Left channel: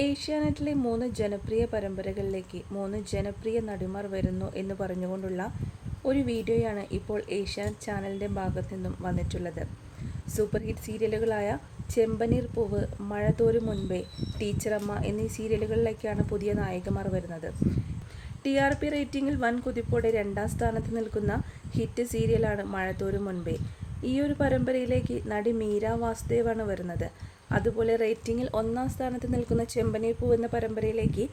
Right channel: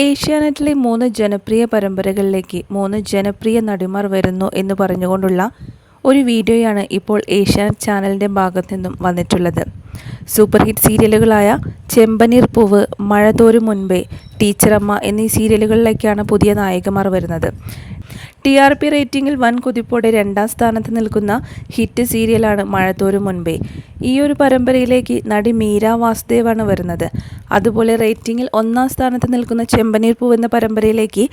ഏഷ്യാനെറ്റിലെ മൂന്ന് ജനപ്രിയ പരമ്പരകളിലേക്ക് മൂന്ന് ജനപ്രിയ നടിമാർ വരുന്നു എന്ന് പറഞ്ഞുകൊണ്ടുള്ള ഒരു വീഡിയോയാണ് ഇപ്പോൾ ഏഷ്യാനെറ്റ് ചാനലിന്റെ ഭാഗത്തു നിന്നും വന്നിട്ടുള്ളത്. സൂപ്പർ ഹിറ്റ് സീരിയലുകളായ ചെമ്പനീർ പൂവ് മഴ തോരും മുൻപേ ടീച്ചറമ്മ എന്നീ സീരിയലുകളിലേക്കാണ് പുതിയ നായികമാർ വരുന്നത്. ടി ആർ പി റേറ്റിംഗിൽ വൻ കുതിപ്പോടെ രണ്ടാം സ്ഥാനത്ത് നിൽക്കുന്ന ഹിറ്റ് സീരിയലാണ് മഴത്തോരും മുൻപേ. ഈ ഒരു പരമ്പരയിലേക്ക് നടി മീര വാസുദേവാണ് വരുന്നത്. അതുപോലെ റേറ്റിംഗിൽ ഒന്നാം സ്ഥാനത്ത് നിൽക്കുന്ന ചെമ്പനീർ പൂവ് എന്ന പരമ്പരയിലേക്ക്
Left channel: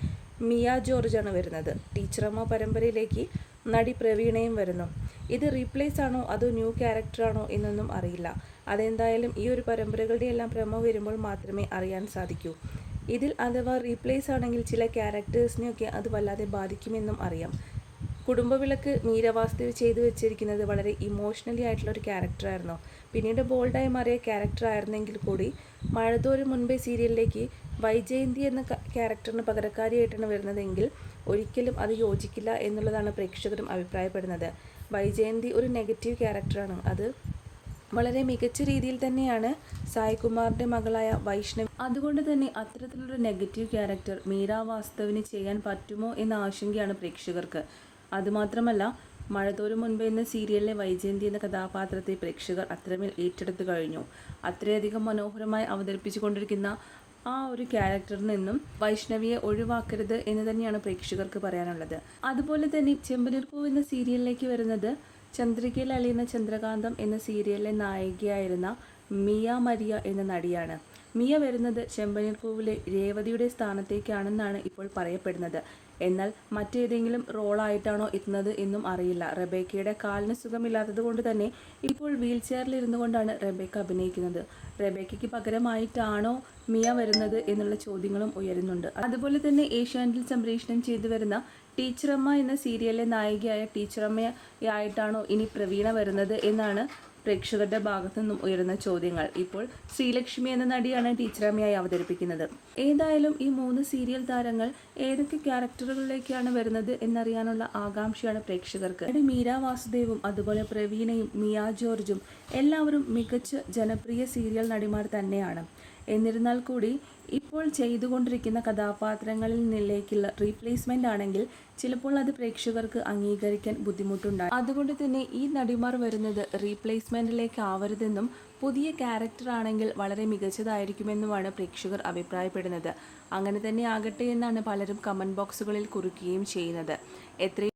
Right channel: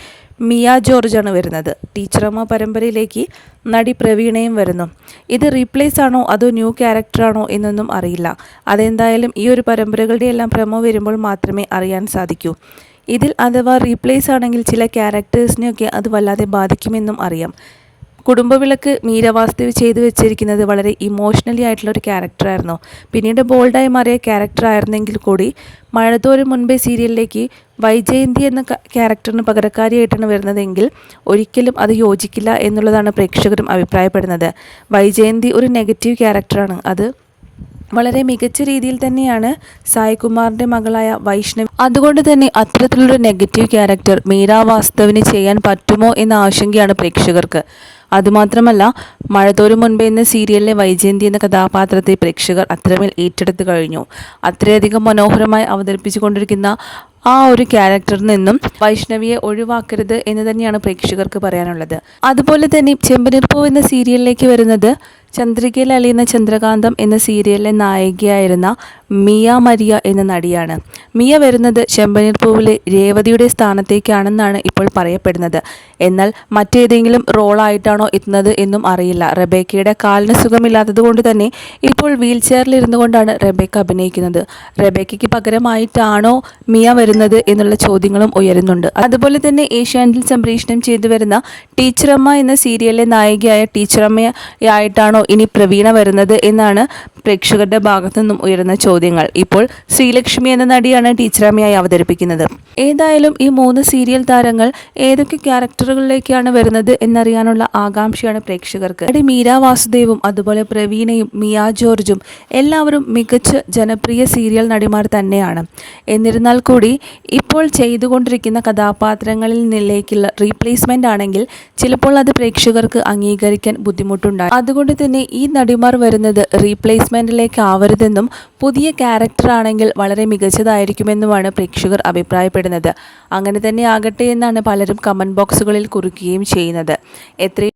മിയ ജോർജാണ് വരുന്നത്. ടീച്ചറമ്മ പരമ്പരയിലേക്ക് നടി പ്രവീണയും വരുന്നു. ഇത് റീപ്ലേസ് ആണോ അതോ ന്യൂ ക്യാരക്ടറാണോ എന്നൊന്നും അറിയില്ല. അതെന്തായാലും ഈ ഒരു പരമ്പരകളുടെ എല്ലാം പ്രമോ വരുമ്പോൾ മാത്രമേ അറിയാൻ സാധിക്കൂ. ഇതിൽ അഥവാ റീപ്ലേസ് ആണെങ്കിൽ ചില ക്യാരക്ടേഴ്സിനെയൊക്കെ അത് വല്ലാതെ ബാധിക്കുമെന്നും അറിയാം. കുടുംബവിളക്ക് മീരവാസ്തവ് ചെയ്തു വെച്ചിരിക്കുന്നത് വളരെ ഇമോഷണലി ആയിട്ടുള്ള ഒരു ക്യാരക്ടറായിരുന്നു പിന്നീട് ബോൾഡായി മാറിയ ക്യാരക്ടറായിരുന്നെങ്കിൽ കൂടി മഴതോരം മുൻപേ സീരിയലിലേക്ക് വൈജയന്തി എന്ന ക്യാരക്ടറിന് പകരക്കാരിയായിട്ടാണ് വരുന്നതെങ്കിൽ ഒരിക്കലും അത് യോജിക്കില്ല എന്നുള്ളതാണ് പ്രേക്ഷകരും അഭിപ്രായപ്പെടുന്നത്. വൈജയന്തി ഒരു നെഗറ്റീവ് ക്യാരക്ടറാണ് അത് വളരെ മികച്ച രീതിയിൽ തന്നെയാണ് സായികുമാറിന്റെ മകളായ വൈഷ്ണവി അതുകൊണ്ട് തന്നെ അത്തരത്തിലൊരു നെഗറ്റീവ് ക്യാരക്ടർ മീരാ വാസ്തവിന് ചെയ്യാൻ പറ്റുമോ എന്ന ആശങ്കയാണ് പ്രേക്ഷകർക്ക്. അതുമാത്രമല്ല മഴതോരും മുൻപേ എന്ന സീരിയലിലെ വൈജയന്തി എന്ന കഥാപാത്രത്തെ പ്രേക്ഷകർ അത്രമേൽ ഏറ്റെടുത്തു കഴിഞ്ഞു. അത്രയധികം മനോഹരമായി അവതരിപ്പിച്ചു കൊണ്ടിരിക്കുന്ന ആ ഒരു ക്യാരക്ടറിൽ നിന്നും വൈഷ്ണവിയെ ഒഴിവാക്കരുത് എന്ന് തന്നെയാണ് പ്രേക്ഷകർക്ക് പറയാനുള്ളത്. അതുപോലെ തന്നെ ചെമ്പനിർപ്പൂ എന്ന സീരിയലിലേക്ക് വരുന്നത് ചന്ദ്രികയിൽ അലിയുന്ന ചന്ദ്രകാന്തം എന്ന സീരിയലിലെ നായികയായിരുന്ന മിയ മരിയ എന്ന നടിയാണ്. മിയ വരുന്നത് ചെമ്പനീർപ്പൂവിലെ രേവതിയുടെ സ്ഥാനത്തേക്കാണെന്നാണ് ഇപ്പോൾ പറയപ്പെടുന്നത്. എന്നാൽ മറ്റേതെങ്കിലും റോളായിട്ടാണോ എത്തുന്നത് എന്നും അറിയില്ല. റബേക്കയുടെ കാലിന് സുഖമില്ലാത്തത് കൊണ്ട് തന്നെ ഇപ്പോൾ വീൽ ചെയറിൽ ഇരുന്നു കൊണ്ടാണ് റബേക്ക അഭിനയിക്കുന്നത്. റബേക്കയ്ക്ക് പകരമായിട്ടാണോ മിയ വരുന്നത് എന്നുള്ള ചോദ്യങ്ങളും ഉയരുന്നുണ്ട്. അതുപോലെ തന്നെ ഏഷ്യാനെറ്റിൽ സംപ്രേഷണം ചെയ്തു വരുന്ന ടീച്ചറമ്മ എന്ന സീരിയലിലെ നായികയായ ടീച്ചറമ്മയായിട്ടാണോ ഇനി പ്രവീണ വരുന്നത് എന്നാണ് പ്രേക്ഷകരുടെ ഭാഗത്തു നിന്നും ഉയരുന്ന ചോദ്യങ്ങൾ. ഇപ്പോൾ ശ്രീലക്ഷ്മി എന്ന നടിയാണ് ടീച്ചറമ്മയായി അവതരിപ്പിക്കുന്നത്. ഏതായാലും ഈ മൂന്ന് സീരിയൽ താരങ്ങൾ ഏതൊക്കെ ക്യാരക്ടറുകളിലേക്കാണ് വരുന്നത് എന്നറിയാനുള്ള ആകാംക്ഷയാണ് പ്രേക്ഷകർക്ക്. നടി മീര വാസുദേവും അതുപോലെ പ്രവീണയും മിയ ജോർജും എല്ലാവരും മികച്ച ജനപ്രിയ സീരിയൽ നടിമാർ തന്നെയാണ്. എന്നിരുന്നാൽ കൂടി ഇപ്പോൾ ചെയ്തുകൊണ്ടിരിക്കുന്ന കഥാപാത്രങ്ങളിൽ നിന്നിലേക്കുള്ള റീപ്ലേസ്മെന്റ് ആണെങ്കിൽ ചിലപ്പോൾ അത് പ്രേക്ഷകർക്ക് അംഗീകരിക്കാൻ ബുദ്ധിമുട്ടുണ്ടാകും. അതുകൊണ്ട് തന്നെ ഈ നടിമാർ വരുന്നത് റീപ്ലേസ്മെന്റിലേക്ക് ആവരുതെന്നും പുതിയ ക്യാരക്ടറാണെങ്കിൽ വളരെ മികച്ചതായിരിക്കുമെന്നുമാണ് പ്രേക്ഷകർ അഭിപ്രായപ്പെടുന്നത്. അങ്ങനെ തന്നെ ആകട്ടെ എന്നാണ് പലരും കമന്റ് ബോക്സുകളിൽ കുറിക്കുകയും ചെയ്യുന്നത്. എത്രയും